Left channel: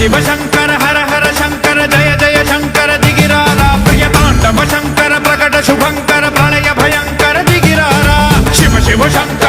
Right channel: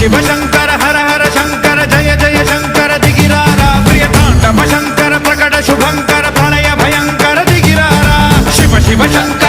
शिव शंकर हर हर शंकर जय जय शंकर दिगिरारा प्रिय तांडव शंकर प्रकट शुभंकर प्रलय भयंकर दिगिरारा शिव शिव शंकर